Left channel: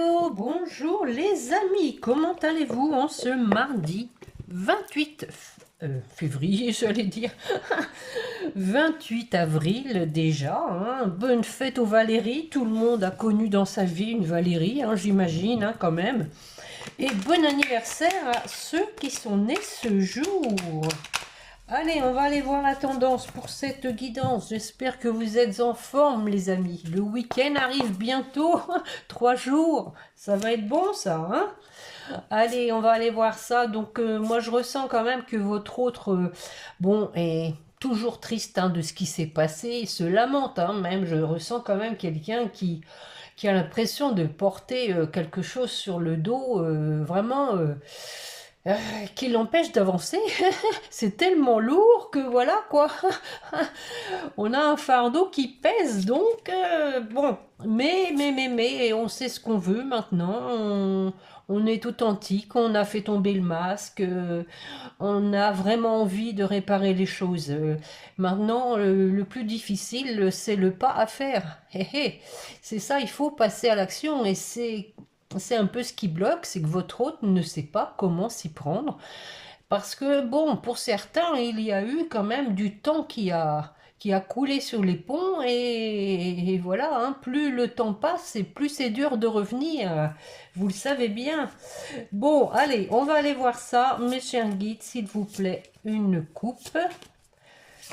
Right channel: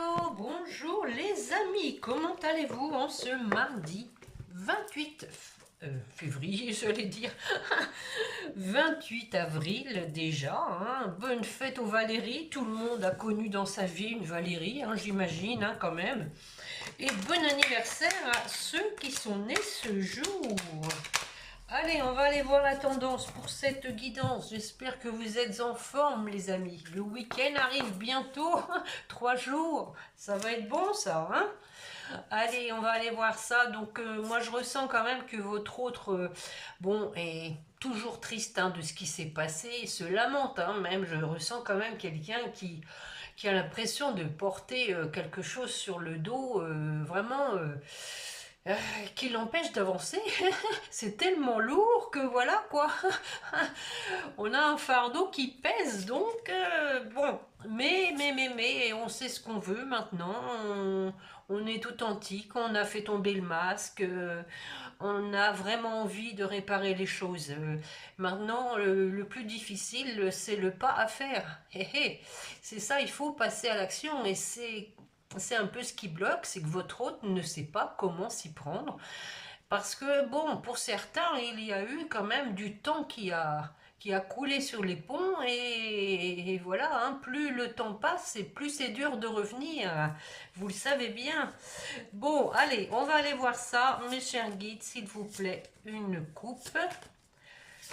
Hello, bonjour les amis, comment allez-vous en ce mardi 28 février, j'allais dire, 28 avril déjà, hein. Bonne fête aux Valérie, tout le monde a connu dans sa vie une Valérie, hein, j'imagine, hein, quand même. Et bon anniversaire à ceux qui sont nés ce jour. Allez, on va aller voir la tendance pour cette guidance. J'espère que vous êtes en forme, les amis. Le week-end arrive bientôt. 3 jours. Ça va être bon, ça, hein? Allez, on va aller voir ça. Donc, moi, je ressens quand même que votre autre, bon, est toujours triste, hein, de ce qui s'est passé. Il se lamente, hein, même. Je ressens quand même quelqu'un qui a l'impression de porter quelque chose sur le dos, vraiment. Euh, qui l'empêche d'avancer. C'est tellement lourd que voilà quoi. On a un fardeau qui pèse donc bon. Mais on sait ce qu'on veut maintenant. On est authentique, on a fait tomber le masque, on a vraiment envie de réparer les choses. Maintenant, le plus difficile, c'est le pas à faire. Hé, hé. C'est ça, il faut passer à l'action et c'est un peu ce qui bloque, c'est que votre hôte ne sait pas comment s'y prendre. Parce que, bon, pour certains, il y a eu quand même du temps qui a coulé sur les ponts et voilà, hein, plus le temps passe et plus c'est dur de revenir. Vous le savez bien. Bon, allez, on va aller voir ça. Mes chers guides, s'il vous plaît, une coupe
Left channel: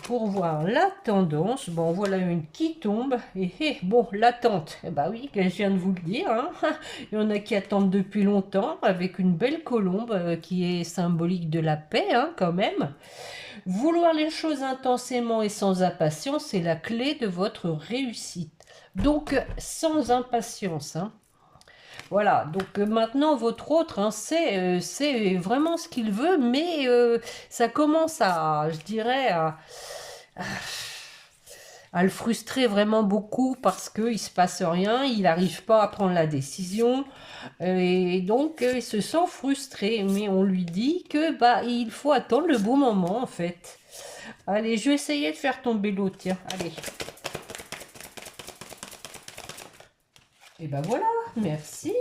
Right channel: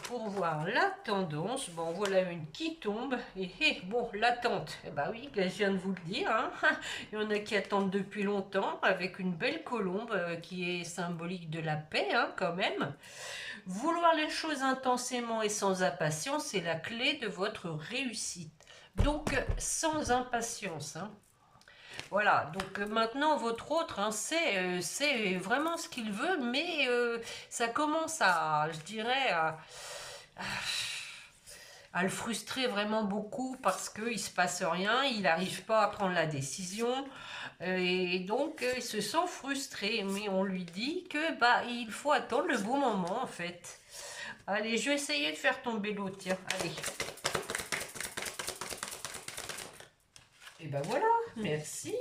pour voir la tendance. Bon, voilà une qui tombe. Et bon, l'attente, eh ben oui, je viens de vous le dire, hein. Il y en a qui attendent depuis longtemps avec une belle colombe qui est symbolique de la paix, hein, quand même. Vouloir les choses intensément et sans impatience, c'est la clé de votre réussite. Donc, sans impatience, hein. Voilà, donc maintenant votre autre, hein, c'est vraiment ce qu'il veut, mais ça commence à, je dirais, à le frustrer vraiment beaucoup parce qu'il ne se passe rien, il n'arrive pas à prendre la décision et donc il se sent frustré. Mais on lui dit que bah il faut attendre le bon moment en fait. Allez, je vais essayer de faire tomber l'autre, tiens, allez. Et ben voilà, merci.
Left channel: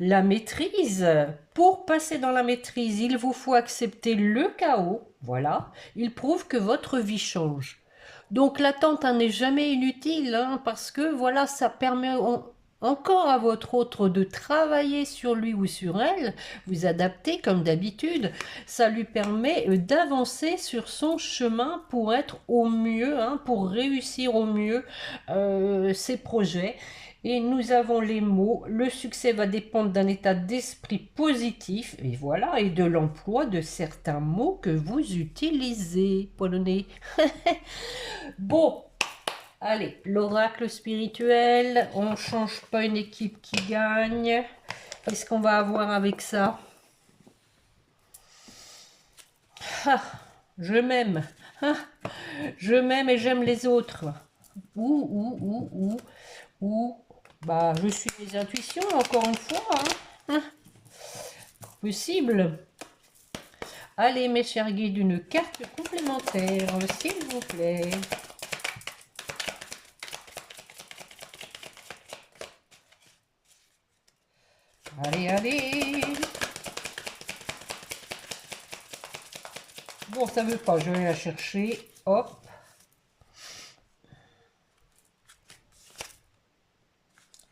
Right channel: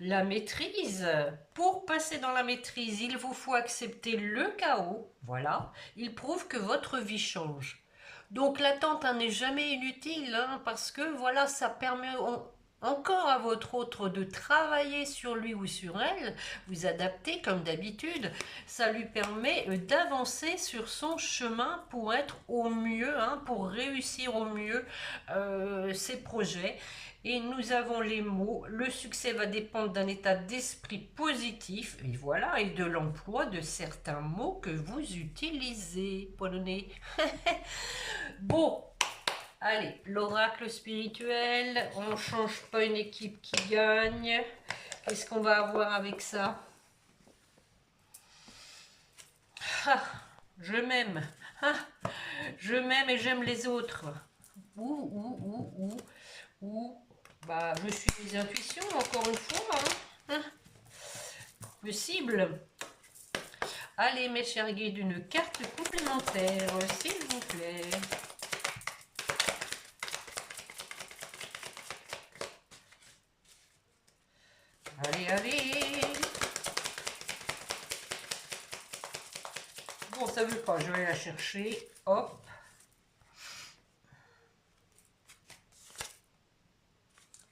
La maîtrise. Pour passer dans la maîtrise, il vous faut accepter le chaos. Voilà. Il prouve que votre vie change. Donc l'attente hein, n'est jamais inutile hein, parce que voilà, ça permet encore à votre autre de travailler sur lui ou sur elle, vous adapter comme d'habitude. Ça lui permet d'avancer sur son chemin pour être au mieux, hein, pour réussir au mieux ses projets. Et nous avons les mots. Le succès va dépendre d'un état d'esprit positif. Et voilà, et de l'emploi de certains mots que vous utilisez. Polonais. Bon, allez, l'oracle spirituel. On ne change pas une équipe qui gagne. Qu'est-ce qu'on va avoir avec ça? Ah, je m'aime. Ah, je m'aime et j'aime les autres. Ou, bah, je suis mes intuitions, encore une fois. Hein. Possible. Allez, mes chers guides, une carte complémentaire, s'il vous plaît. Allez, allez. Bon, ça veut pas, je vais la chercher. Hop.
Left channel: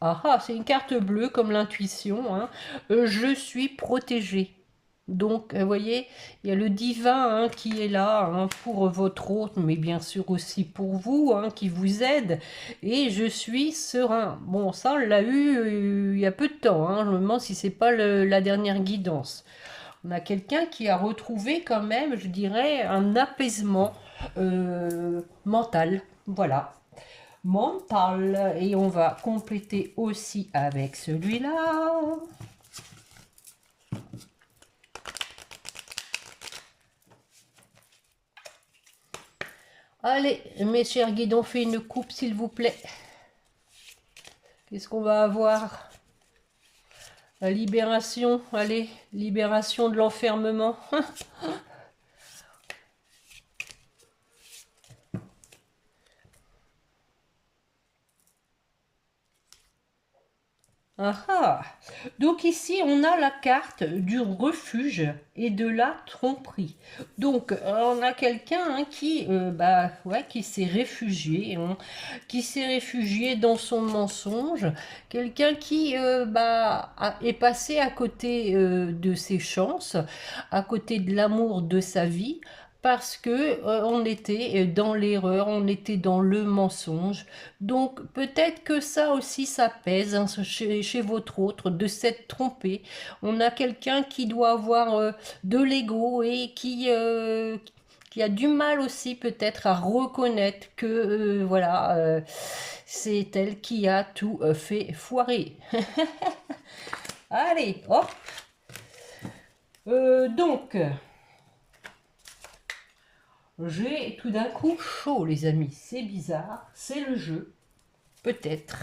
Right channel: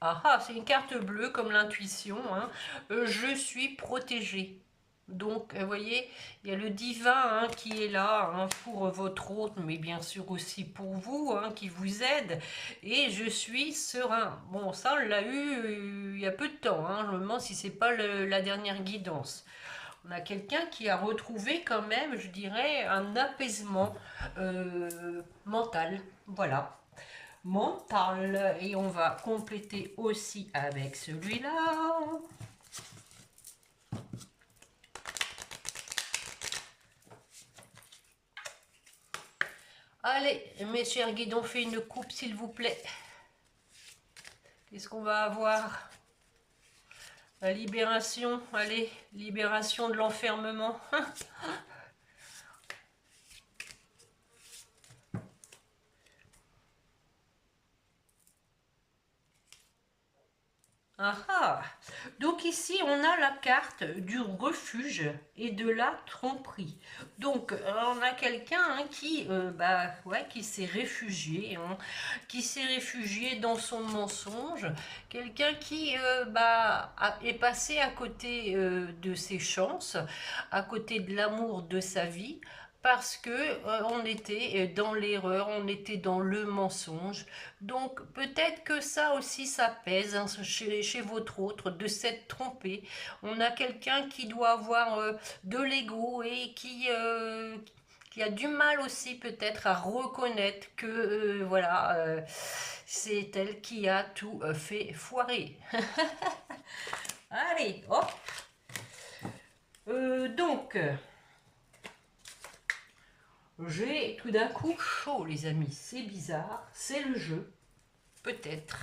Ah ah, c'est une carte bleue comme l'intuition, hein. Je suis protégée. Donc, vous voyez, il y a le divin hein, qui est là hein, pour votre hôte, mais bien sûr aussi pour vous, hein, qui vous aide. Et je suis serein. Bon, ça, on l'a eu il y a peu de temps. Hein. Je me demande si c'est pas la dernière guidance. On a quelqu'un qui a retrouvé quand même, je dirais, un apaisement mental. Voilà mental. Et on va compléter aussi avec celui-là. Allez, mes chers guides, on fait une coupe, s'il vous plaît. Qu'est-ce qu'on va avoir? La libération, allez, libération de l'enfermement. Ah ah. Donc ici, on a la carte du refuge et de la tromperie. Donc, on a quelqu'un hein, qui, bah, ouais, qui s'est réfugié, hein, qui s'est réfugié dans son mensonge. Quelqu'un qui est passé à côté de ses chances, à côté de l'amour de sa vie. Parce que on était dans l'erreur, on était dans le mensonge. Donc peut-être que ça aussi ça pèse hein, chez votre autre de s'être trompé. On a quelqu'un qui doit avoir de l'ego et qui a du mal aussi peut-être à reconnaître que voilà c'est elle qui a tout fait foirer. Allez, hop. Donc j'ai tout d'un coup chaud les amis. C'est bizarre, c'est le jeu. Peut-être.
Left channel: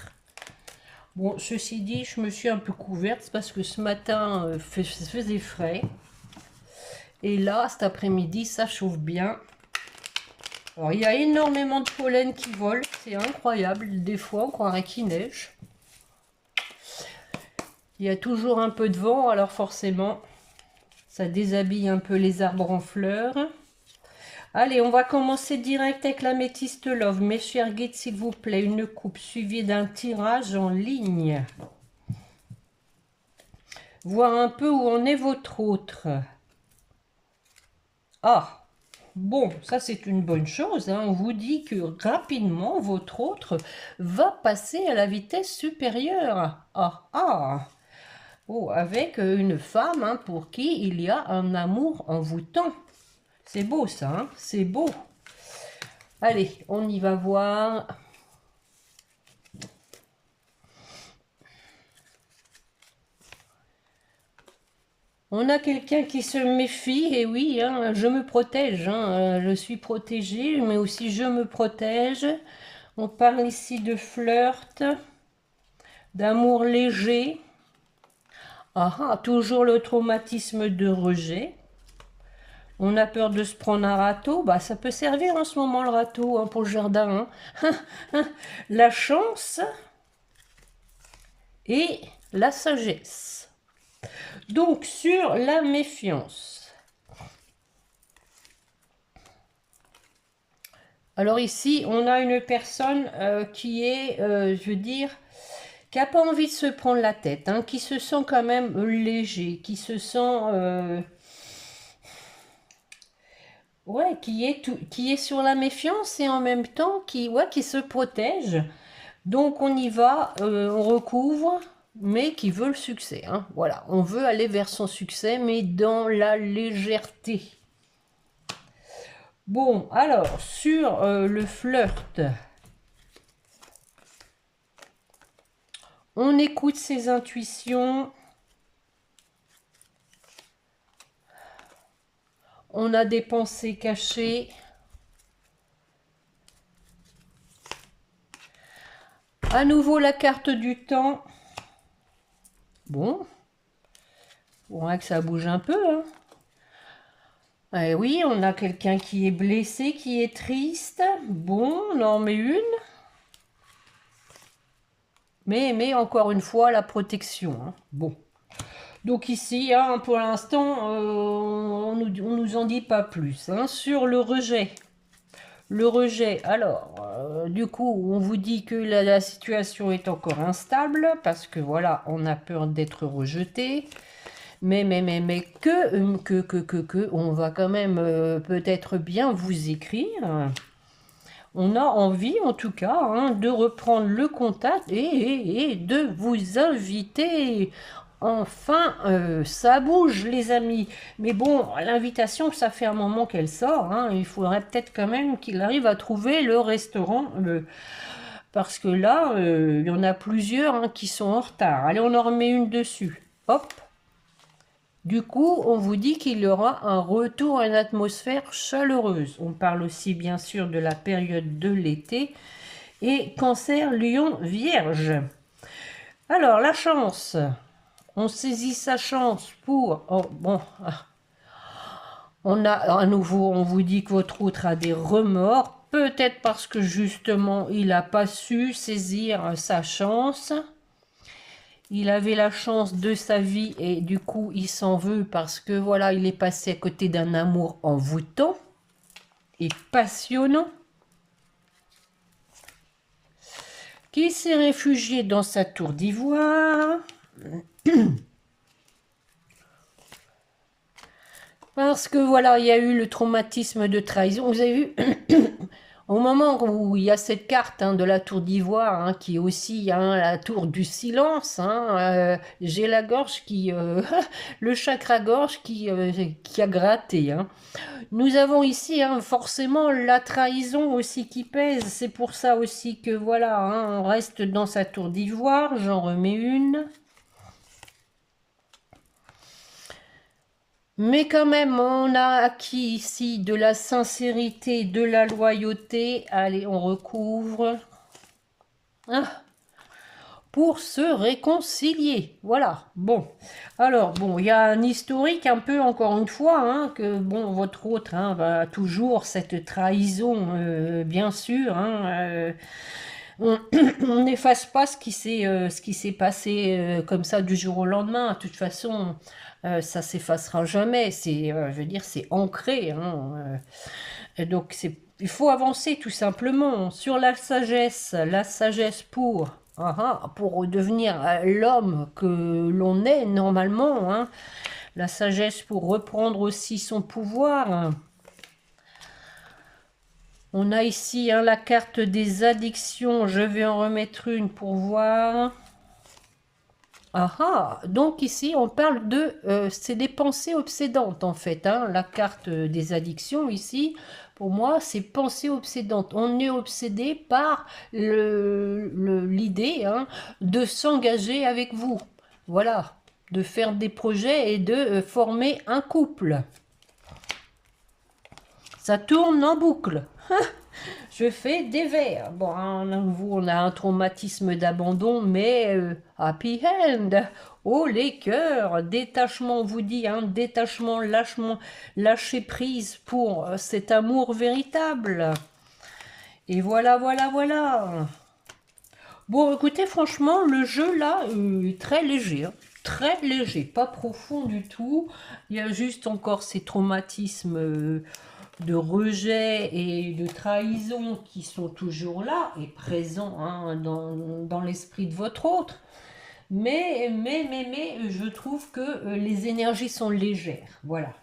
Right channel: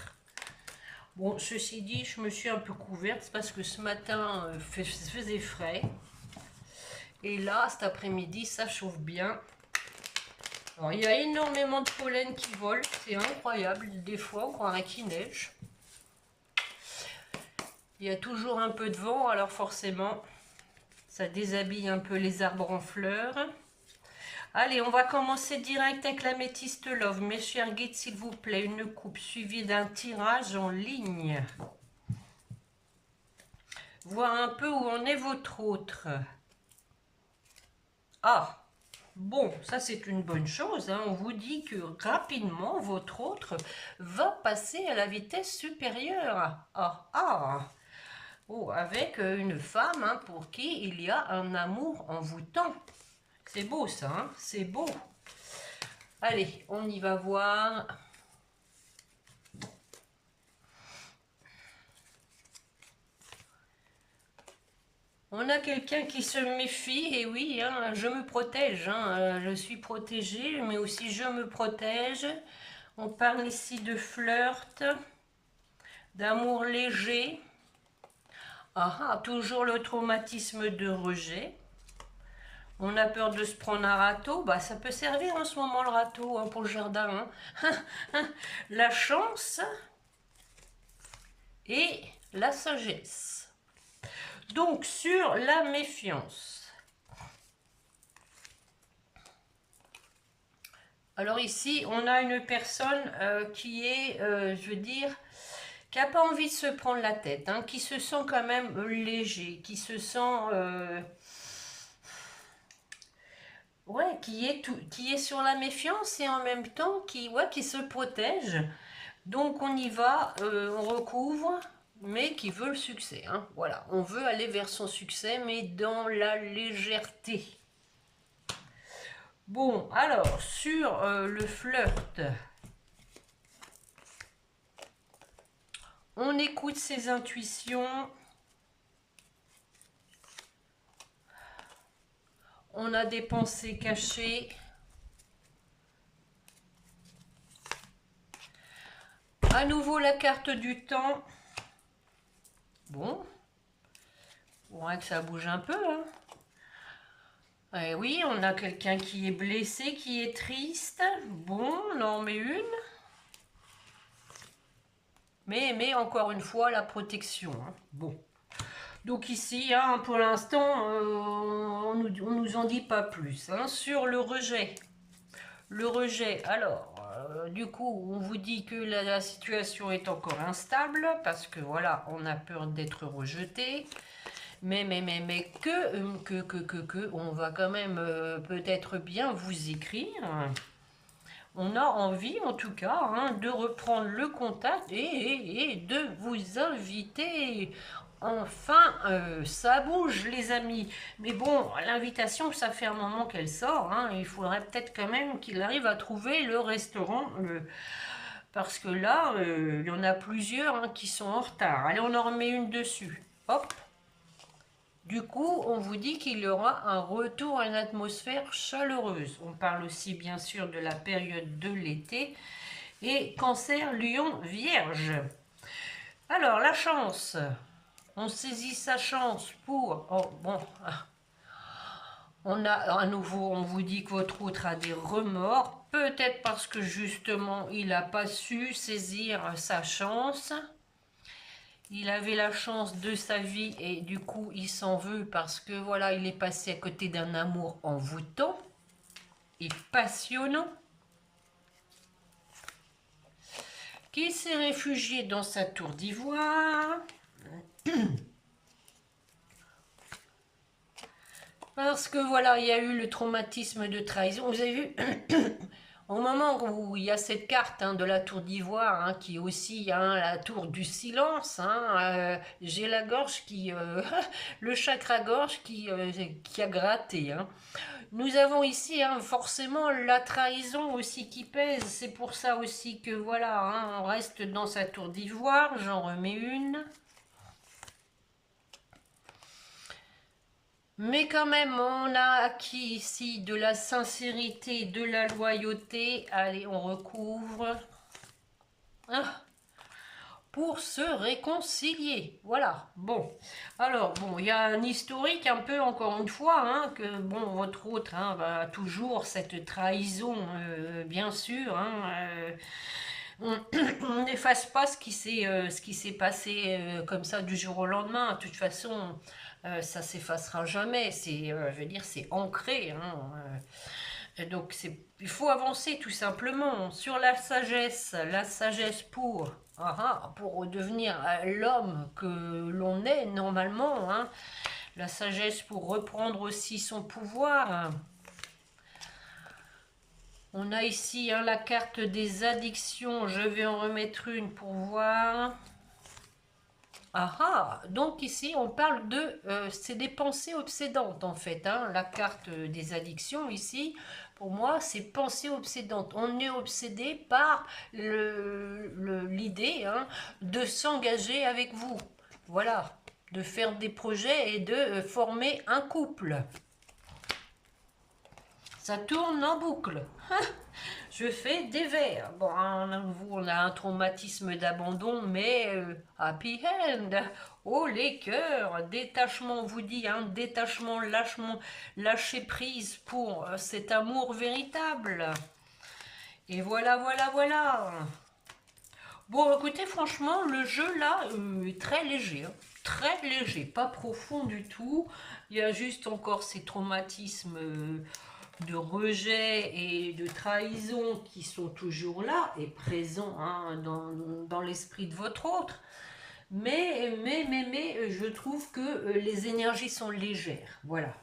Bon, ceci dit, je me suis un peu couverte parce que ce matin, faisait frais. Et là, cet après-midi, ça chauffe bien. Alors, il y a énormément de pollen qui vole. C'est incroyable. Des fois, on croirait qu'il neige. Il y a toujours un peu de vent, alors forcément, ça déshabille un peu les arbres en fleurs. Allez, on va commencer direct avec la métiste love. Mes chers guides, s'il vous plaît, une coupe suivie d'un tirage en ligne. Voir un peu où en est votre autre. Ah, bon, ça c'est une bonne chose. Hein. On vous dit que rapidement, votre autre va passer à la vitesse supérieure. Ah, ah. Oh, avec une femme hein, pour qui il y a un amour envoûtant. C'est beau ça, hein, c'est beau. Allez, on y va voir. On a quelqu'un qui se méfie, et oui, hein, je me protège, hein, je suis protégée, mais aussi je me protège. On parle ici de flirt, d'amour léger. Ah, ah, toujours le traumatisme de rejet. On a peur de se prendre un râteau, bah ça peut servir en ce moment le râteau hein, pour le jardin. Hein. La chance et la sagesse. Donc sur la méfiance. Alors ici, on a une personne qui est, je veux dire, qui n'a pas envie de se prendre la tête, hein, qui se sent quand même léger, qui se sent... ouais, qui est sur la méfiance et en même temps qui se protège. Donc on y va, on recouvre, mais qui veut le succès. Hein. Voilà, on veut aller vers son succès, mais dans la légèreté. Bon, alors, sur le flirt, on écoute ses intuitions. On a des pensées cachées. À nouveau, la carte du temps. Bon, on voit que ça bouge un peu. Hein. Oui, on a quelqu'un qui est blessé, qui est triste. Bon, on en met une. Mais encore une fois, la protection. Hein. Bon. Donc ici, hein, pour l'instant, on nous en dit pas plus. Hein. Sur le rejet. Le rejet, alors, du coup, on vous dit que la situation est encore instable, parce que voilà, on a peur d'être rejeté. Mais on va quand même peut-être bien vous écrire. On a envie, en tout cas, hein, de reprendre le contact et de vous inviter. Enfin, ça bouge, les amis. Mais bon, l'invitation, ça fait un moment qu'elle sort. Hein. Il faudrait peut-être quand même qu'il arrive à trouver le restaurant. Parce que là, il y en a plusieurs hein, qui sont en retard. Allez, on en remet une dessus. Hop. Du coup, on vous dit qu'il y aura un retour à une atmosphère chaleureuse. On parle aussi bien sûr de la période de l'été. Et Cancer, Lion, Vierge. Alors, la chance. On saisit sa chance pour... Oh, bon. On a à nouveau, on vous dit que votre autre a des remords. Peut-être parce que justement, il n'a pas su saisir sa chance. Il avait la chance de sa vie et du coup, il s'en veut parce que voilà, il est passé à côté d'un amour envoûtant et passionnant, qui s'est réfugié dans sa tour d'ivoire. Parce que voilà, il y a eu le traumatisme de trahison. Vous avez vu, au moment où il y a cette carte de la tour d'ivoire, qui est aussi la tour du silence, j'ai la gorge qui, le chakra-gorge qui a gratté. Nous avons ici forcément la trahison aussi qui pèse. C'est pour ça aussi que voilà, on reste dans sa tour d'ivoire. J'en remets une. Mais quand même, on a acquis ici de la sincérité, de la loyauté. Allez, on recouvre. Pour se réconcilier. Voilà. Bon. Alors, bon, il y a un historique un peu, encore une fois, que, bon, votre autre va toujours cette trahison, bien sûr. On n'efface pas ce qui s'est passé comme ça du jour au lendemain. De toute façon, ça s'effacera jamais. Je veux dire, c'est ancré. Et donc, il faut avancer tout simplement sur la sagesse pour redevenir l'homme que l'on est normalement. La sagesse pour reprendre aussi son pouvoir. On a ici la carte des addictions. Je vais en remettre une pour voir. Donc ici on parle c'est des pensées obsédantes en fait. La carte des addictions ici, pour moi, c'est pensée obsédante. On est obsédé par l'idée de s'engager avec vous. Voilà, de faire des projets et de former un couple. Ça tourne en boucle. Je fais des vers. Bon, on a un traumatisme d'abandon, mais happy end. Oh, les cœurs, détachement, on vous dit, détachement, lâchement, lâcher prise pour cet amour véritable. Et voilà, voilà, voilà. Bon, écoutez, franchement, le jeu là est très léger. Très léger, pas profond du tout. Il y a juste encore ces traumatismes de rejet et de trahison qui sont toujours là et présents dans l'esprit de votre autre. Mais je trouve que les énergies sont légères. Voilà.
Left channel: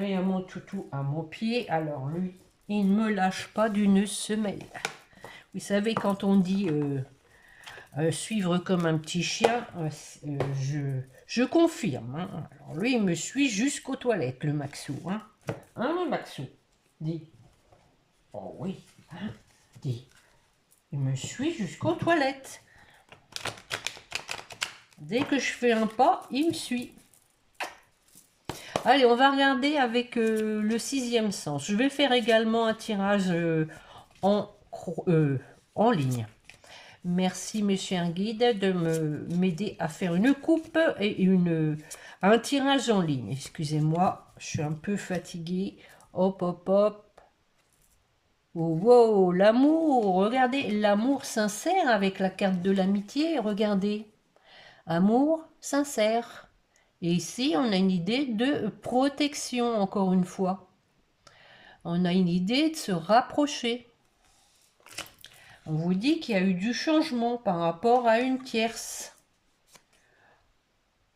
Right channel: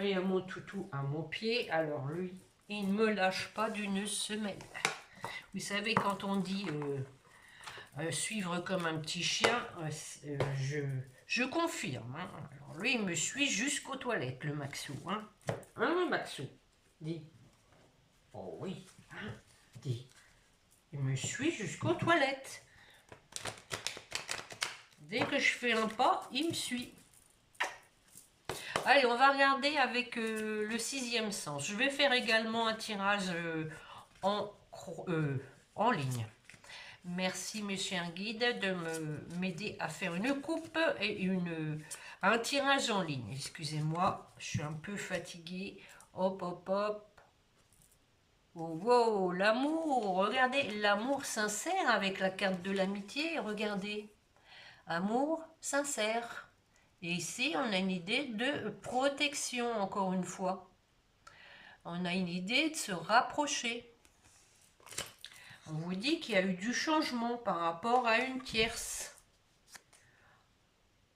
Et mon toutou à mon pied. Alors lui, il ne me lâche pas d'une semelle. Vous savez, quand on dit suivre comme un petit chien, je confirme. Alors lui, il me suit jusqu'aux toilettes, le Maxou. Maxou, dis. Oh oui, dis. Il me suit jusqu'aux toilettes. Dès que je fais un pas, il me suit. Allez, on va regarder avec le sixième sens. Je vais faire également un tirage en ligne. Merci, monsieur un guide, de m'aider à faire une coupe et un tirage en ligne. Excusez-moi, je suis un peu fatiguée. Hop, hop, hop. Oh, wow, l'amour. Regardez, l'amour sincère avec la carte de l'amitié. Regardez. Amour sincère. Et ici, on a une idée de protection, encore une fois. On a une idée de se rapprocher. On vous dit qu'il y a eu du changement par rapport à une tierce.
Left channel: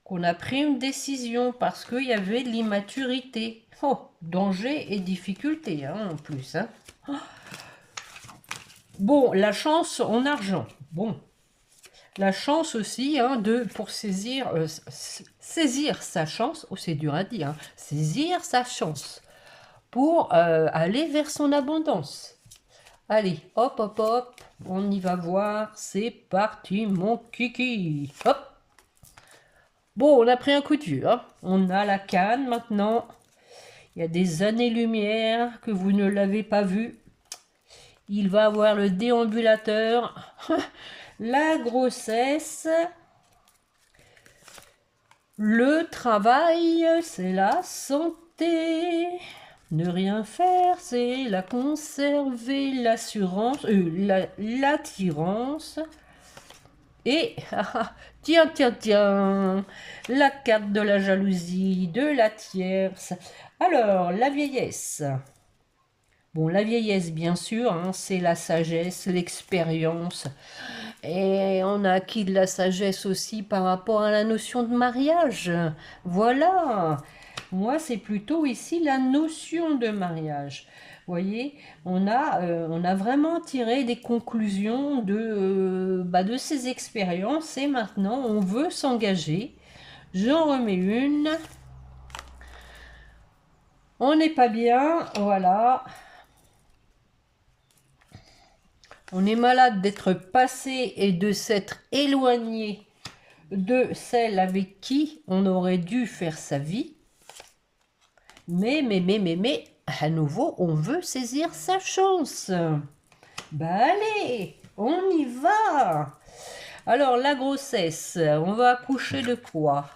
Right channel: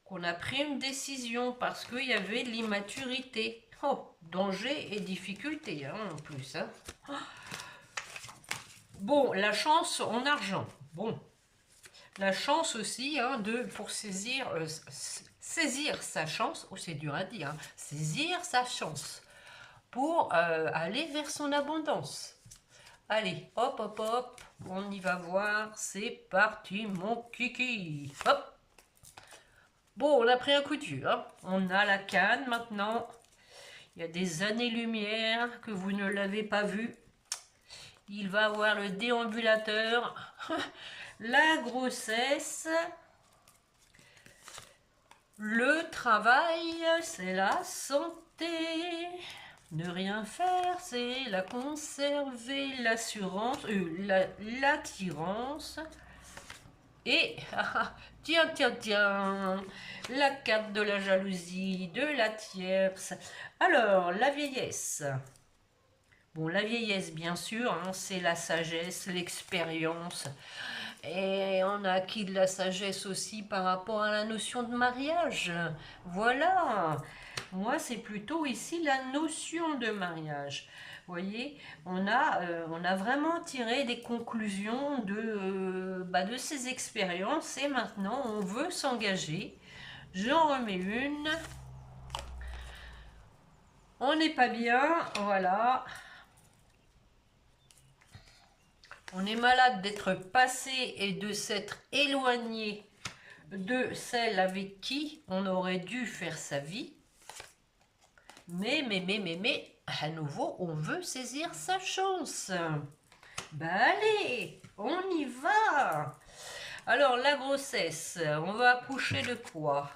Qu'on a pris une décision parce qu'il y avait l'immaturité. Oh, danger et difficulté en plus. Bon, la chance en argent. Bon, la chance aussi pour saisir sa chance. Oh, c'est dur à dire. Saisir sa chance pour aller vers son abondance. Allez, hop, hop, hop, on y va voir. C'est parti, mon kiki. Hop. Bon, on a pris un coup de vieux. On a la canne maintenant. Il y a des années-lumière que vous ne l'avez pas vu. Il va avoir le déambulateur. La grossesse. Le travail, c'est la santé. Ne rien faire, c'est la conserver, l'assurance, l'attirance. Et Tiens, tiens, tiens, la carte de la jalousie, de la tierce. Alors, la vieillesse. Bon, la vieillesse, bien sûr, hein, c'est la sagesse, l'expérience. Et on a acquis de la sagesse aussi par rapport à la notion de mariage. Voilà. Moi, c'est plutôt ici la notion de mariage. Vous voyez, on a vraiment tiré des conclusions de ces expériences et maintenant on veut s'engager. J'en remets une. On n'est pas bien, voilà. On est malade d'être passé et de s'être éloigné de celle avec qui on aurait dû faire sa vie. Mais, à nouveau, on veut saisir sa chance. Ben allez, on y va. Alors, la grossesse, on va accoucher de quoi?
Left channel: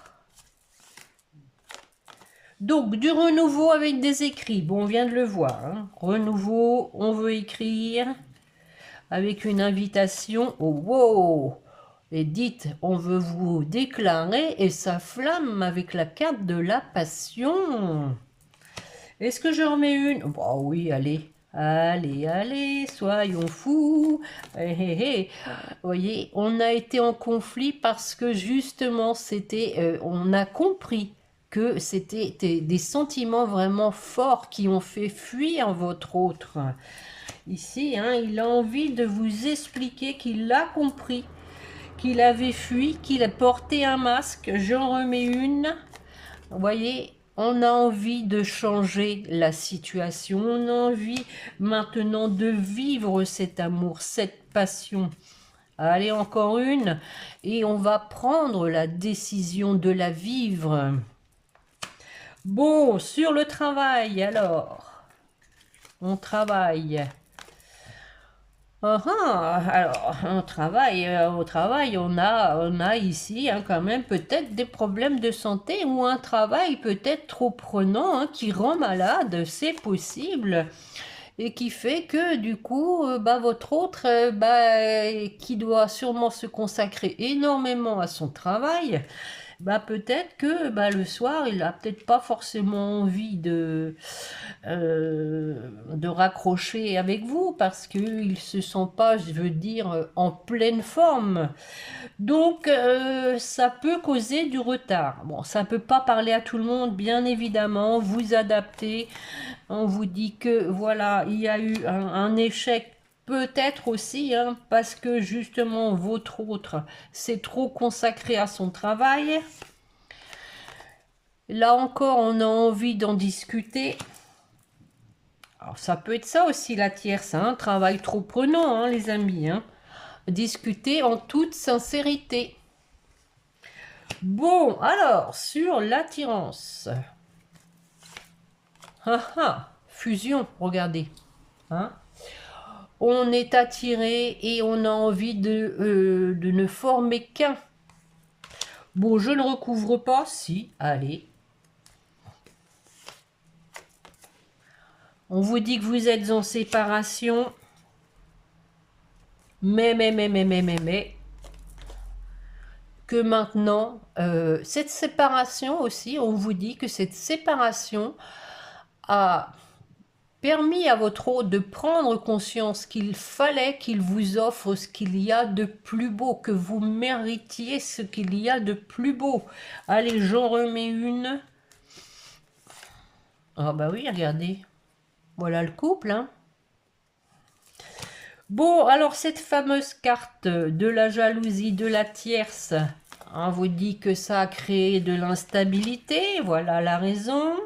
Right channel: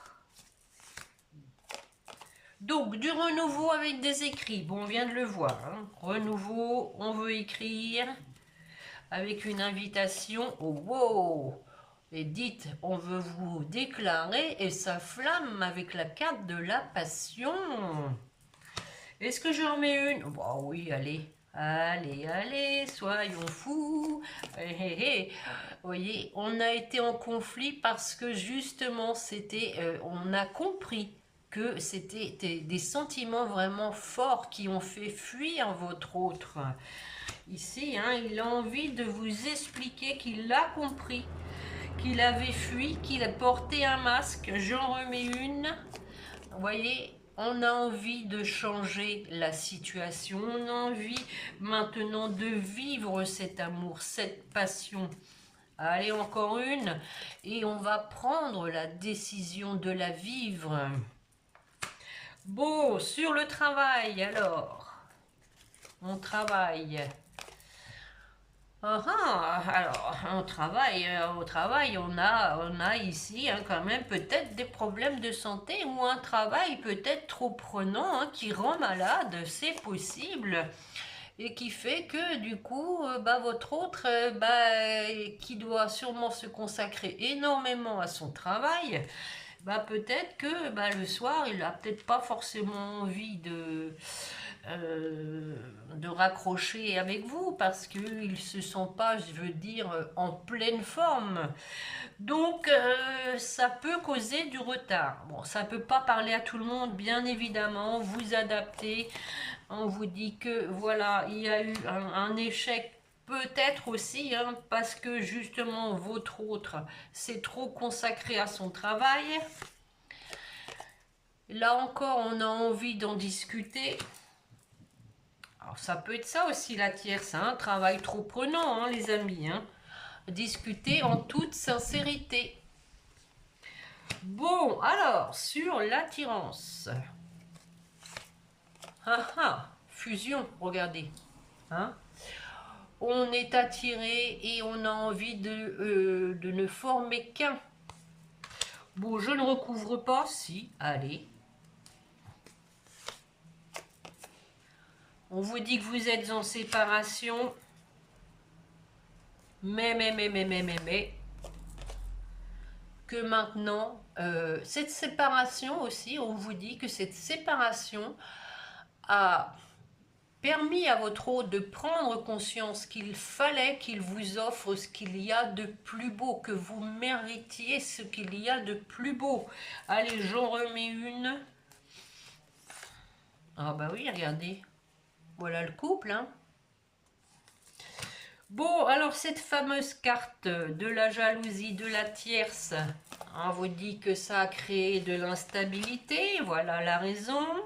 Donc, du renouveau avec des écrits. Bon, on vient de le voir. Hein. Renouveau, on veut écrire avec une invitation au wow. Et dites, on veut vous déclarer et sa flamme avec la carte de la passion. Est-ce que je remets une? Bah oui, allez. Allez, soyons fous. Vous voyez, on a été en conflit parce que justement, on a compris que c'était des sentiments vraiment forts qui ont fait fuir votre autre. Ici, hein, il a envie de vous expliquer qu'il a compris, qu'il avait fui, qu'il a porté un masque. J'en remets une. Vous voyez, on a envie de changer la situation. On a envie maintenant de vivre cet amour, cette passion. Allez, encore une. Et on va prendre la décision de la vivre. Bon, sur le travail, alors. On travaille. Alors, au travail, on a ici hein, quand même peut-être des problèmes de santé ou un travail peut-être trop prenant hein, qui rend malade, c'est possible. Et qui fait que du coup, votre autre, qui doit sûrement se consacrer énormément à son travail, peut-être que le soir, il n'a peut-être pas forcément envie de raccrocher avec vous parce qu'il ne se sent pas, je veux dire, en pleine forme. Donc, ça peut causer du retard. Bon, ça ne peut pas parler à tout le monde, bien évidemment, vous adaptez. On vous dit que, voilà, il y a eu un échec peut-être aussi, hein, parce que justement, votre autre s'est trop consacré à son travail. Là encore, on a envie d'en discuter. Alors, ça peut être ça aussi, la tierce, hein, travail trop prenant, hein, les amis. Hein. Discuter en toute sincérité. Bon, alors, sur l'attirance. Fusion, regardez. Hein. On est attiré et on a envie de ne former qu'un. Bon, je ne recouvre pas, si, allez. On vous dit que vous êtes en séparation. Mais. Que maintenant, cette séparation aussi, on vous dit que cette séparation a permis à votre hôte de prendre conscience qu'il fallait qu'il vous offre ce qu'il y a de plus beau, que vous méritiez ce qu'il y a de plus beau. Allez, j'en remets une. Ah bah oui, regardez. Voilà le couple, hein. Bon, alors cette fameuse carte de la jalousie, de la tierce, on vous dit que ça a créé de l'instabilité, voilà la raison.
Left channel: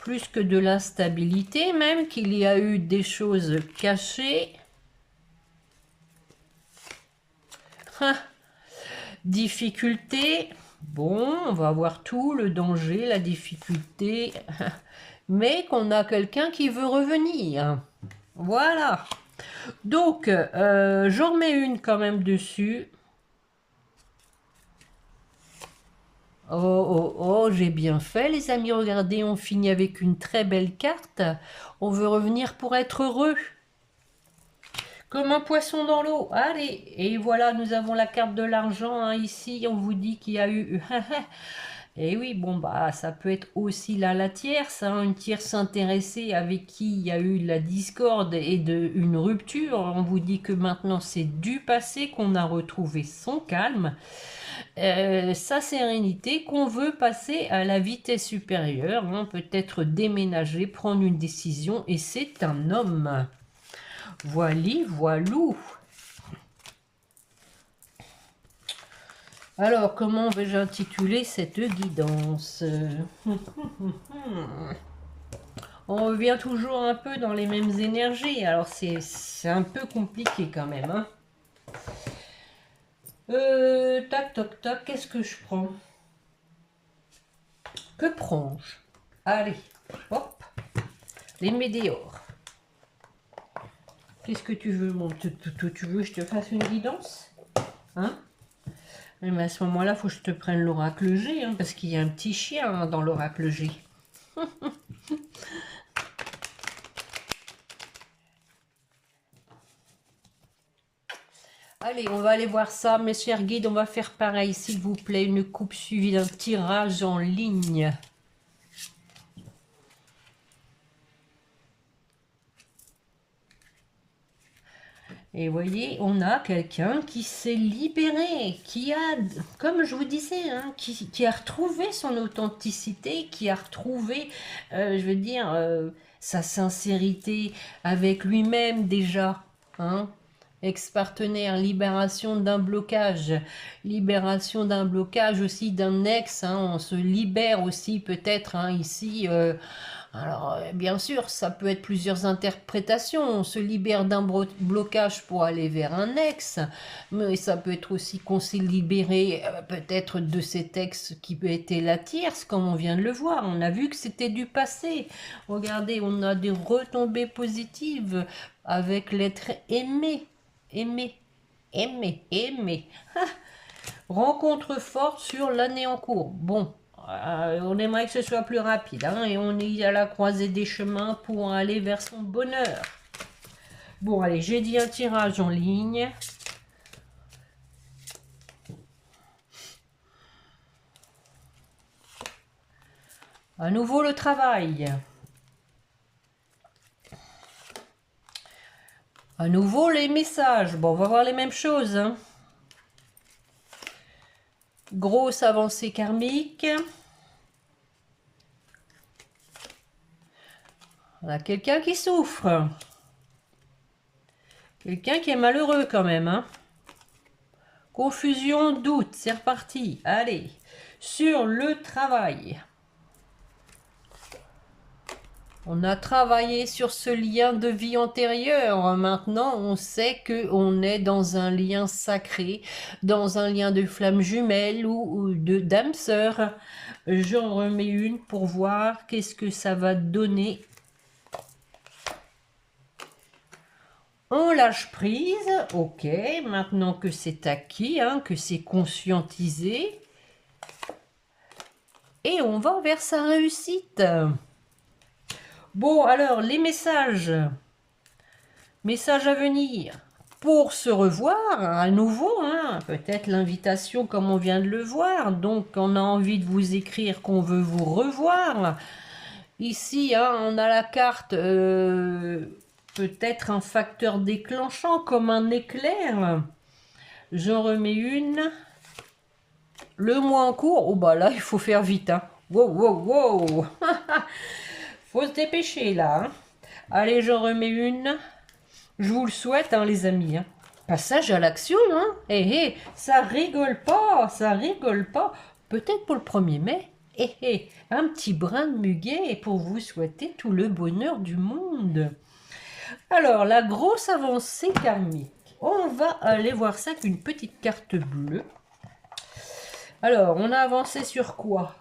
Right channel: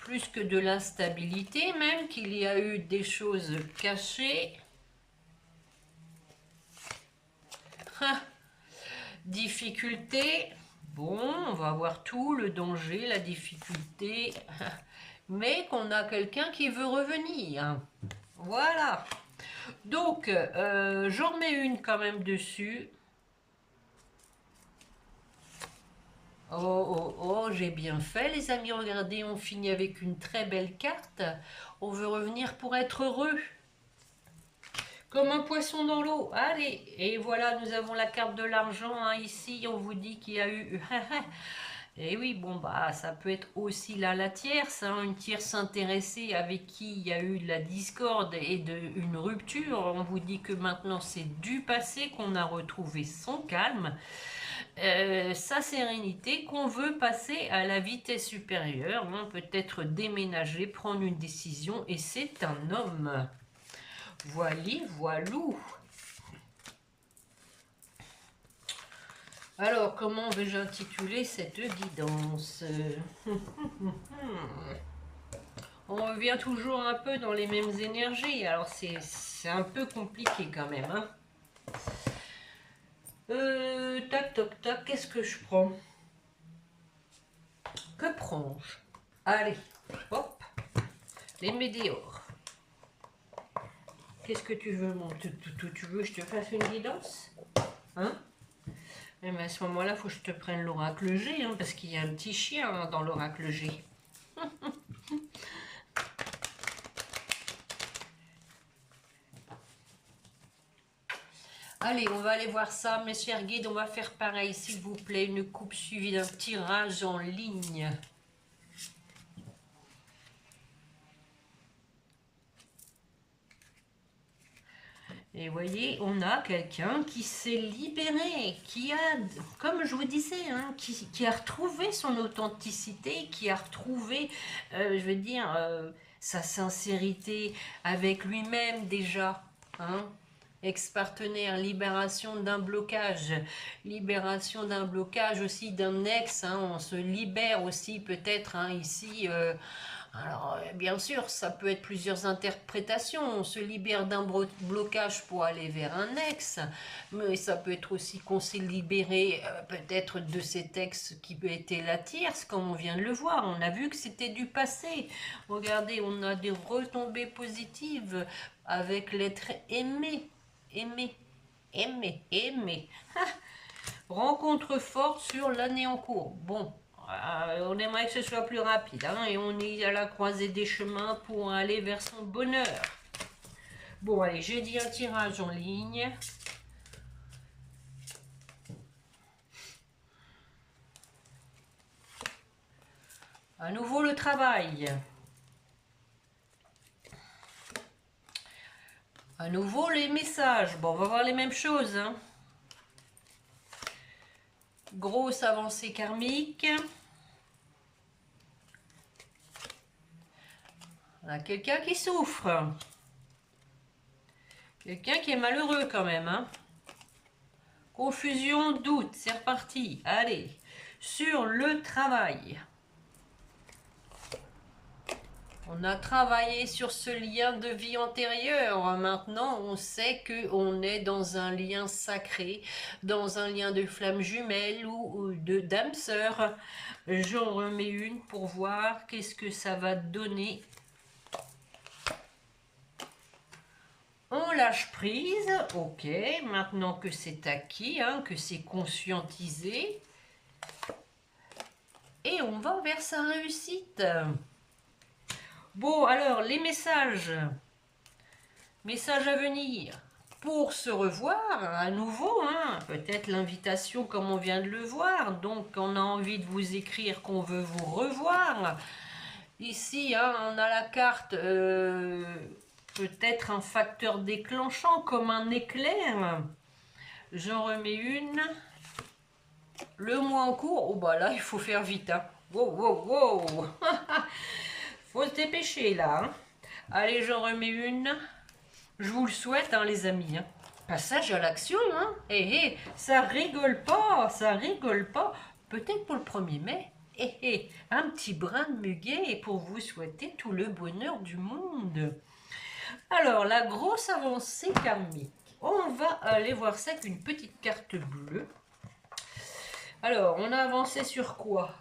Plus que de l'instabilité, même qu'il y a eu des choses cachées. Difficulté. Bon, on va voir tout, le danger, la difficulté. Mais qu'on a quelqu'un qui veut revenir. Voilà. Donc, j'en remets une quand même dessus. Oh, j'ai bien fait les amis, regardez, on finit avec une très belle carte. On veut revenir pour être heureux. Comme un poisson dans l'eau. Allez, et voilà, nous avons la carte de l'argent. Hein, ici, on vous dit qu'il y a eu... Et oui, bon, bah, ça peut être aussi là la tierce, hein, une tierce intéressée avec qui il y a eu de la discorde et une rupture. On vous dit que maintenant c'est du passé, qu'on a retrouvé son calme, sa sérénité, qu'on veut passer à la vitesse supérieure, hein, peut-être déménager, prendre une décision, et c'est un homme. Voili, voilou. Alors, comment vais-je intituler cette guidance? On revient toujours un peu dans les mêmes énergies, alors c'est un peu compliqué quand même. Hein. Tac, toc, tac, qu'est-ce que je prends? Que prends-je? Allez, hop, les météores. Qu'est-ce que tu veux, tu veux que je te fasse une guidance? Hein? Mais à ce moment-là, il faut que je te prenne l'oracle G, hein, parce qu'il y a un petit chien hein, dans l'oracle G. Allez, on va aller voir ça, mes chers guides. On va faire pareil, s'il vous plaît. Une coupe suivie d'un tirage en ligne. Et vous voyez, on a quelqu'un qui s'est libéré, qui a, comme je vous disais, hein, qui a retrouvé son authenticité, qui a retrouvé, je veux dire, sa sincérité avec lui-même déjà. Hein. Ex-partenaire, libération d'un blocage aussi d'un ex, hein, on se libère aussi peut-être hein, ici. Alors, bien sûr, ça peut être plusieurs interprétations. On se libère d'un blocage pour aller vers un ex, mais ça peut être aussi qu'on s'est libéré peut-être de cet ex qui peut être la tierce, comme on vient de le voir. On a vu que c'était du passé. Regardez, on a des retombées positives avec l'être aimé. Aimer, aimer, aimer. Rencontre forte sur l'année en cours. Bon, on aimerait que ce soit plus rapide. Hein, et on est à la croisée des chemins pour aller vers son bonheur. Bon, allez, j'ai dit un tirage en ligne. À nouveau le travail. À nouveau les messages. Bon, on va voir les mêmes choses. Hein. Grosse avancée karmique. On a quelqu'un qui souffre. Quelqu'un qui est malheureux quand même. Hein. Confusion, doute, c'est reparti. Allez, sur le travail. On a travaillé sur ce lien de vie antérieur. Maintenant, on sait qu'on est dans un lien sacré, dans un lien de flamme jumelle ou de d'âme sœur. J'en remets une pour voir qu'est-ce que ça va donner. On lâche prise, ok, maintenant que c'est acquis, hein, que c'est conscientisé. Et on va vers sa réussite. Bon, alors, les messages. Messages à venir. Pour se revoir à nouveau, hein, peut-être l'invitation comme on vient de le voir. Donc, on a envie de vous écrire qu'on veut vous revoir. Ici, hein, on a la carte, peut-être un facteur déclenchant comme un éclair. J'en remets une. Le mois en cours. Oh, bah là, il faut faire vite. Hein. Wow, wow, wow. Faut se dépêcher là. Hein. Allez, j'en remets une. Je vous le souhaite, hein, les amis. Hein. Passage à l'action, hein. Ça rigole pas, ça rigole pas. Peut-être pour le 1er mai. Un petit brin de muguet pour vous souhaiter tout le bonheur du monde. Alors, la grosse avancée karmique. On va aller voir ça avec une petite carte bleue. Alors, on a avancé sur quoi?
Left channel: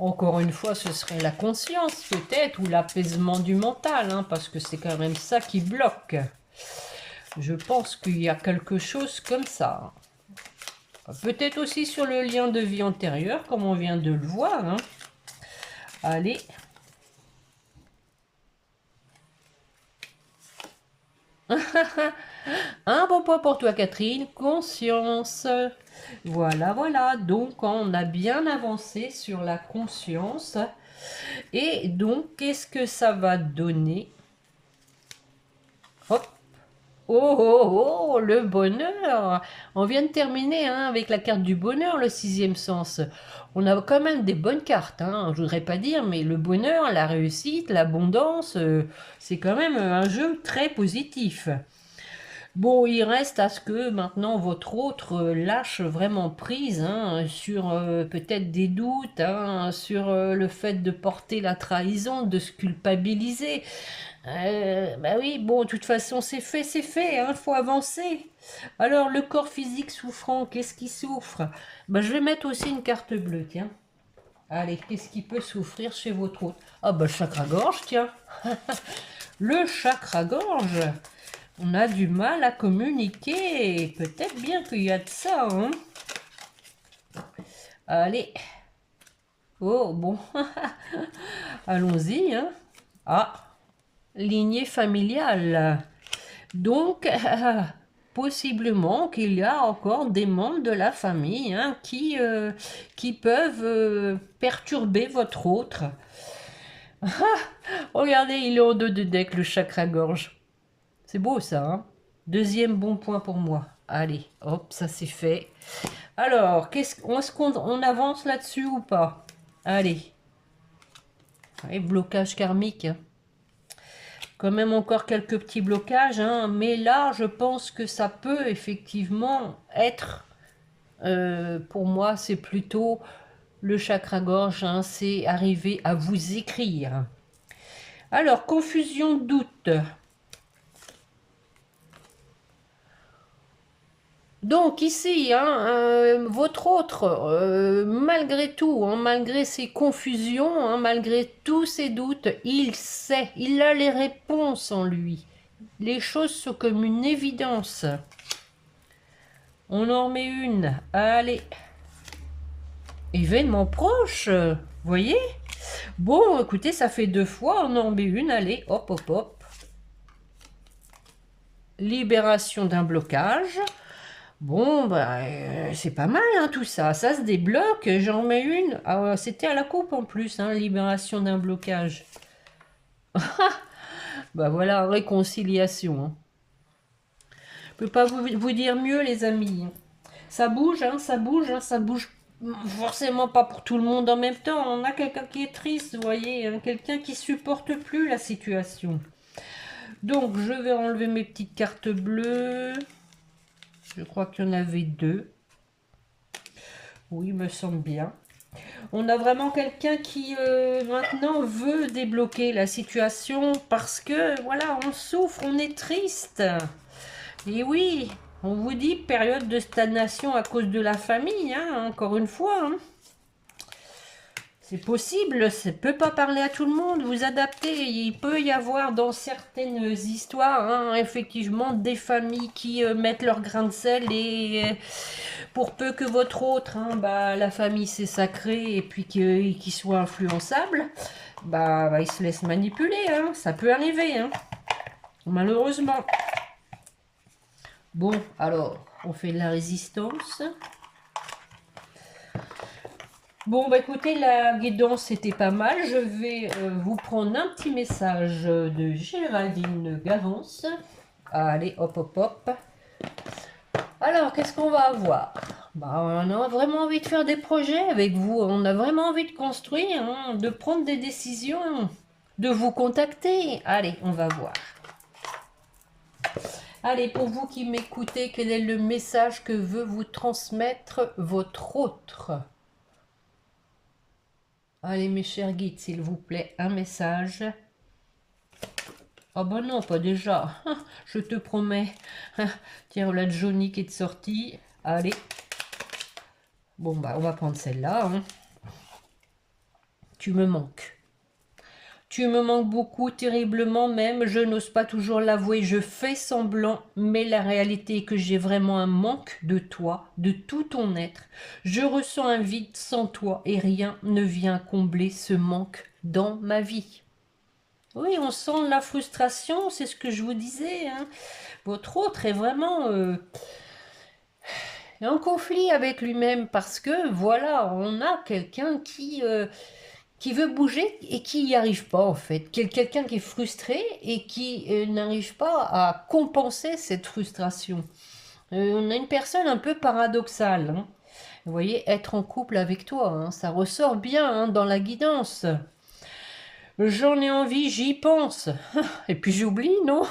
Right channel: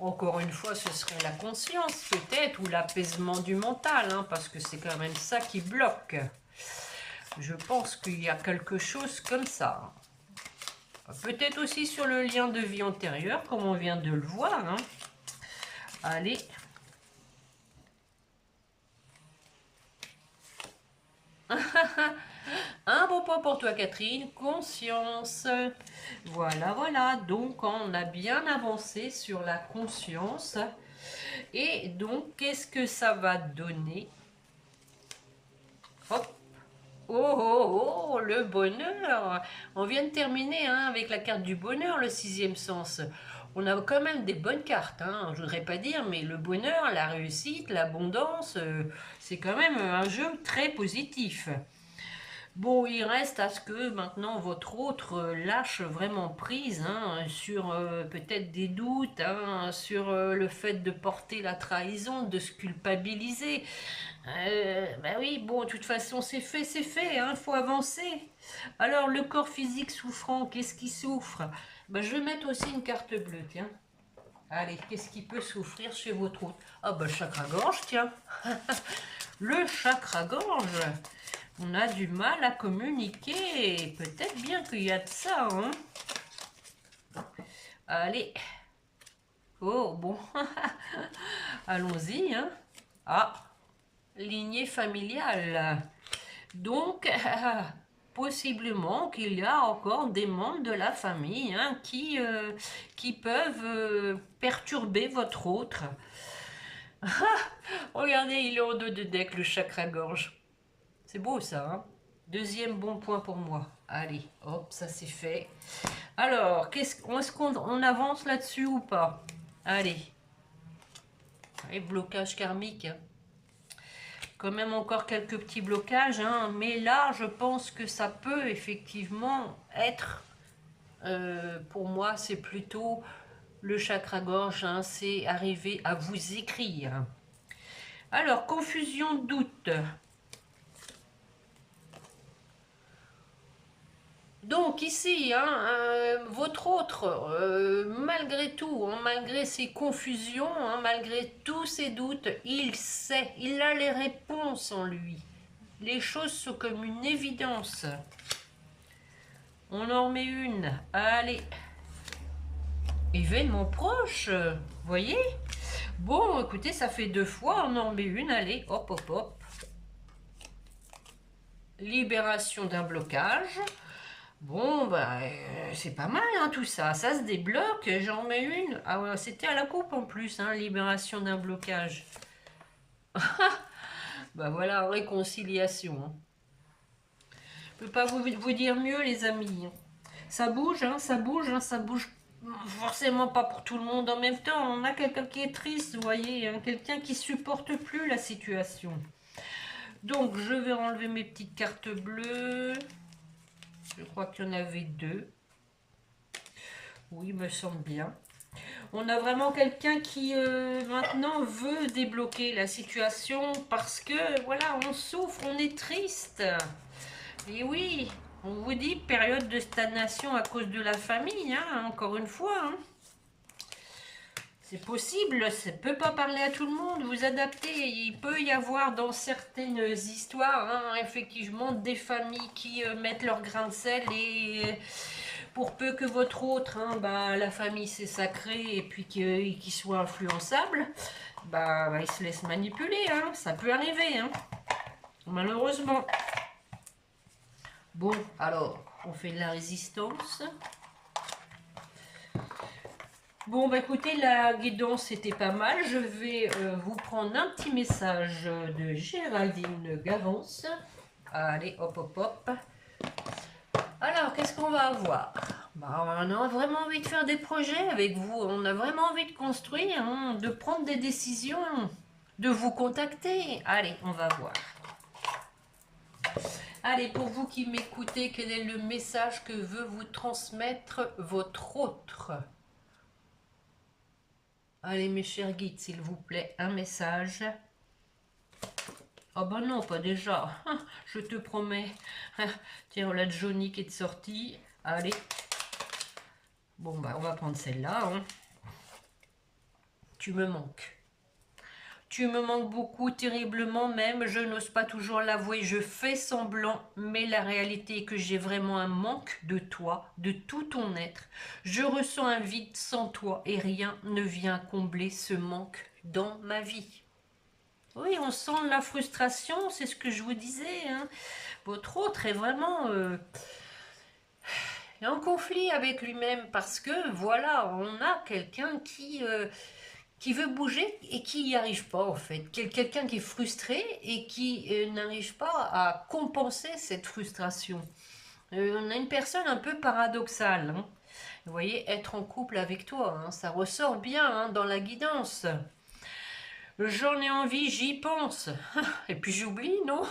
Encore une fois, ce serait la conscience peut-être, ou l'apaisement du mental, hein, parce que c'est quand même ça qui bloque. Je pense qu'il y a quelque chose comme ça. Peut-être aussi sur le lien de vie antérieure, comme on vient de le voir. Hein. Allez. Un bon point pour toi, Catherine. Conscience. Voilà, voilà. Donc, on a bien avancé sur la conscience. Et donc, qu'est-ce que ça va donner? Hop. Oh, oh, oh, le bonheur. On vient de terminer hein, avec la carte du bonheur, le sixième sens. On a quand même des bonnes cartes, hein, je voudrais pas dire, mais le bonheur, la réussite, l'abondance, c'est quand même un jeu très positif. Bon, il reste à ce que maintenant votre autre lâche vraiment prise hein, sur peut-être des doutes, hein, sur le fait de porter la trahison, de se culpabiliser. Bah oui, bon, de toute façon, c'est fait, hein, faut avancer. Alors, le corps physique souffrant, qu'est-ce qui souffre? Bah, je vais mettre aussi une carte bleue, tiens. Allez, qu'est-ce qui peut souffrir chez votre autre? Ah, bah, chakra-gorge, tiens. Le chakra-gorge. On a du mal à communiquer. Peut-être bien qu'il y a de ça, hein. Allez. Oh, bon. Allons-y, hein. Ah, lignée familiale. Donc, possiblement qu'il y a encore des membres de la famille hein, qui peuvent perturber votre autre. Regardez, il est en deux de deck, le chakra-gorge. C'est beau ça, hein. Deuxième bon point pour moi. Allez, hop, ça c'est fait. Alors, est-ce qu'on avance là-dessus ou pas? Allez. Et blocage karmique. Hein. Quand même encore quelques petits blocages, hein, mais là, je pense que ça peut effectivement être, pour moi, c'est plutôt le chakra-gorge, hein, c'est arriver à vous écrire. Alors, confusion, doute. Donc ici, hein, votre autre, malgré tout, hein, malgré ses confusions, hein, malgré tous ses doutes, il sait, il a les réponses en lui. Les choses sont comme une évidence. On en met une. Allez. Événement proche. Vous voyez? Bon, écoutez, ça fait 2 fois. On en met une. Allez, hop, hop, hop. Libération d'un blocage. Bon, bah, c'est pas mal, hein, tout ça. Ça se débloque. J'en mets une. Ah, ouais, c'était à la coupe en plus, hein, libération d'un blocage. Bah voilà, réconciliation. Hein. Je peux pas vous dire mieux, les amis. Ça bouge, hein, ça bouge, hein, ça bouge forcément pas pour tout le monde en même temps. On a quelqu'un qui est triste, vous voyez, hein, quelqu'un qui supporte plus la situation. Donc, je vais enlever mes petites cartes bleues. Je crois qu'il y en avait 2. Oui, il me semble bien. On a vraiment quelqu'un qui maintenant veut débloquer la situation parce que, voilà, on souffre, on est triste. Et oui, on vous dit période de stagnation à cause de la famille, hein, encore une fois. Hein. C'est possible, ça ne peut pas parler à tout le monde, vous adaptez. Il peut y avoir dans certaines histoires, hein, effectivement, des familles qui mettent leur grain de sel et pour peu que votre autre, hein, bah, la famille c'est sacré et puis qu'il soit influençable, bah, il se laisse manipuler, hein, ça peut arriver, hein, malheureusement. Bon, alors, on fait de la résistance. Bon, bah écoutez, la guidance c'était pas mal. Je vais vous prendre un petit message de Géraldine Gavance. Allez, hop, hop, hop. Alors, qu'est-ce qu'on va avoir? Bah, on a vraiment envie de faire des projets avec vous. On a vraiment envie de construire, hein, de prendre des décisions, de vous contacter. Allez, on va voir. Allez, pour vous qui m'écoutez, quel est le message que veut vous transmettre votre autre? Allez, mes chers guides, s'il vous plaît, un message. Ah bah non, pas déjà. Je te promets. Tiens, on a Johnny qui est sorti. Allez. Bon, bah, on va prendre celle-là. Hein. Tu me manques. Tu me manques beaucoup, terriblement même. Je n'ose pas toujours l'avouer. Je fais semblant. Mais la réalité est que j'ai vraiment un manque de toi, de tout ton être. Je ressens un vide sans toi et rien ne vient combler ce manque dans ma vie. Oui, on sent la frustration, c'est ce que je vous disais, hein. Votre autre est vraiment en conflit avec lui-même parce que, voilà, on a quelqu'un qui veut bouger et qui n'y arrive pas, en fait. Quelqu'un qui est frustré et qui n'arrive pas à compenser cette frustration. On a une personne un peu paradoxale, hein. Vous voyez, être en couple avec toi, hein, ça ressort bien, hein, dans la guidance. J'en ai envie, j'y pense. Et puis j'oublie, non?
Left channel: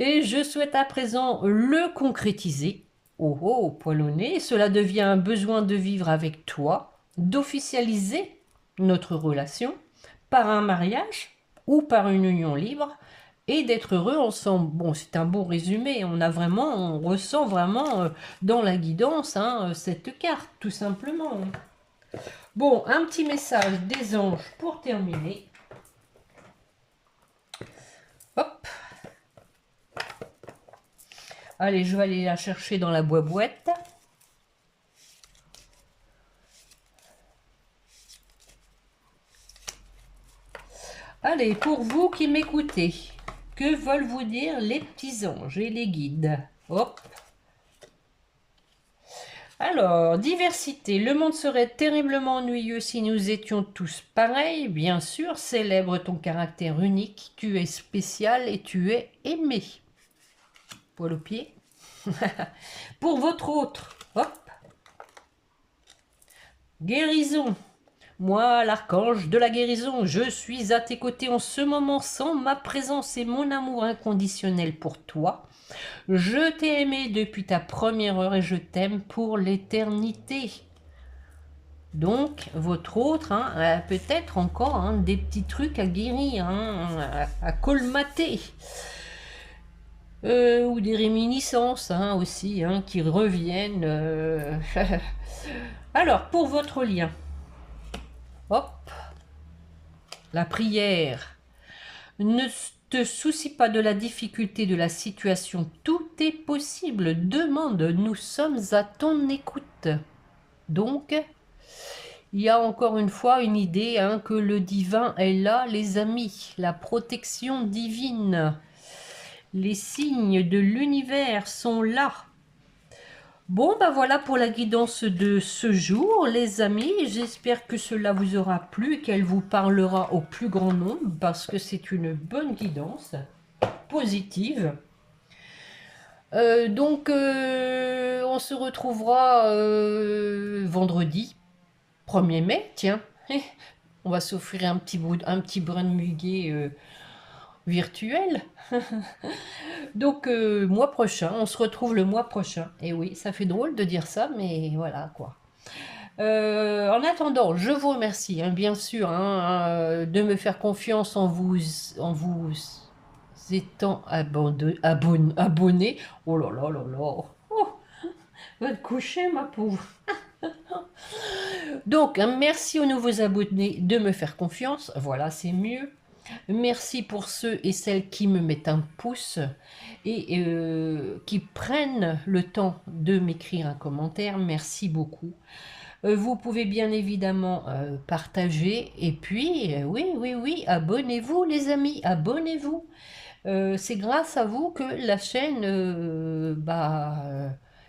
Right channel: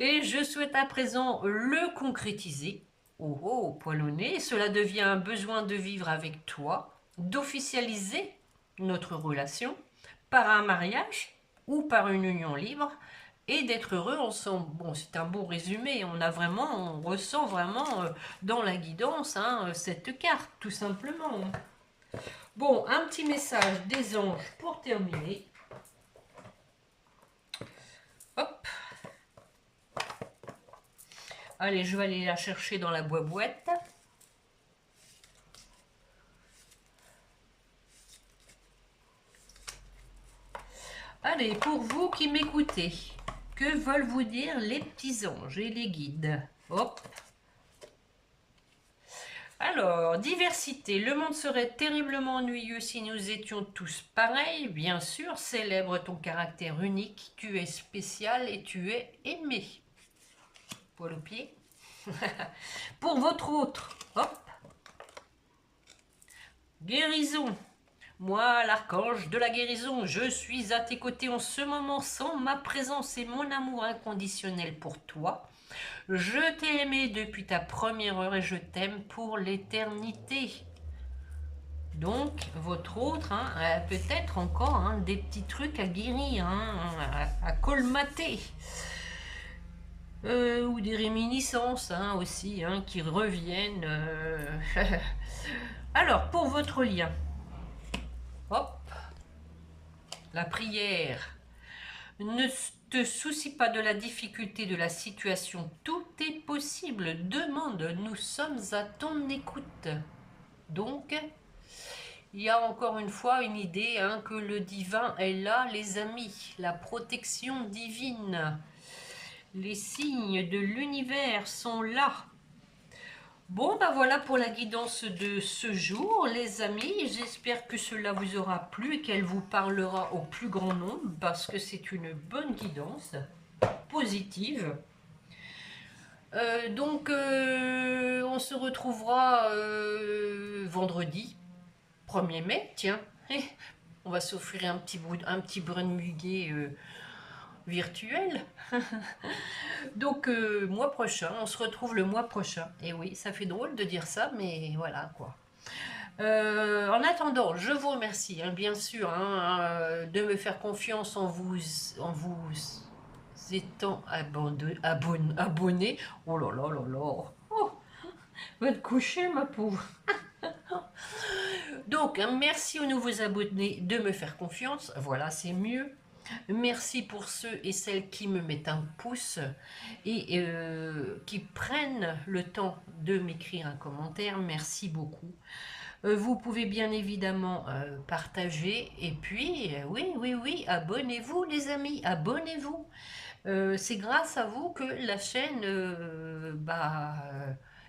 Et je souhaite à présent le concrétiser. Oh oh, poil au nez, cela devient un besoin de vivre avec toi, d'officialiser notre relation par un mariage ou par une union libre et d'être heureux ensemble. Bon, c'est un beau résumé. On ressent vraiment dans la guidance, hein, cette carte, tout simplement. Bon, un petit message des anges pour terminer. Hop. Allez, je vais aller la chercher dans la boîte. Allez, pour vous qui m'écoutez, que veulent vous dire les petits anges et les guides? Hop. Alors, diversité. Le monde serait terriblement ennuyeux si nous étions tous pareils. Bien sûr, célèbre ton caractère unique. Tu es spécial et tu es aimé. Poil au pied. Pour votre autre. Hop. Guérison. Moi, l'archange de la guérison, je suis à tes côtés en ce moment sans ma présence et mon amour inconditionnel pour toi. Je t'ai aimé depuis ta première heure et je t'aime pour l'éternité. Donc, votre autre, hein, a peut-être encore, hein, des petits trucs à guérir, hein, à colmater. Ou des réminiscences, hein, aussi, hein, qui reviennent. Alors, pour votre lien. Hop. La prière. Ne te soucie pas de la difficulté de la situation. Tout est possible. Demande. Nous sommes à ton écoute. Donc, il y a encore une fois une idée, hein, que le divin est là, les amis. La protection divine. Les signes de l'univers sont là. Bon, ben voilà pour la guidance de ce jour, les amis. J'espère que cela vous aura plu et qu'elle vous parlera au plus grand nombre parce que c'est une bonne guidance positive. Donc, on se retrouvera vendredi 1er mai. Tiens, on va s'offrir un petit brin de muguet virtuel. Donc, mois prochain, on se retrouve le mois prochain. Et oui, ça fait drôle de dire ça, mais voilà quoi. En attendant, je vous remercie, hein, bien sûr, hein, de me faire confiance en vous étant abonné. Oh là là là là. Oh, va te coucher, ma pauvre. Donc, hein, merci aux nouveaux abonnés de me faire confiance. Voilà, c'est mieux. Merci pour ceux et celles qui me mettent un pouce et qui prennent le temps de m'écrire un commentaire. Merci beaucoup. Vous pouvez bien évidemment partager et puis, oui, abonnez-vous les amis, abonnez-vous. C'est grâce à vous que la chaîne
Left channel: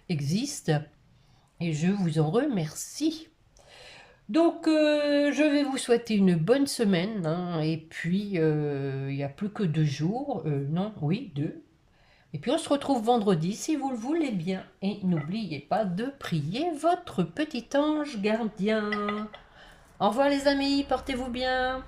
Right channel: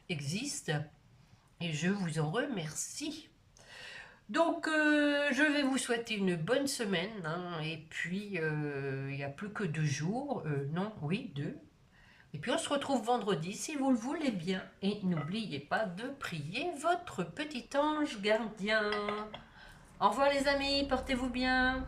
existe et je vous en remercie. Donc, je vais vous souhaiter une bonne semaine, hein, et puis il n'y a plus que 2 jours, non, oui, 2. Et puis on se retrouve vendredi si vous le voulez bien. Et n'oubliez pas de prier votre petit ange gardien. Au revoir les amis, portez-vous bien.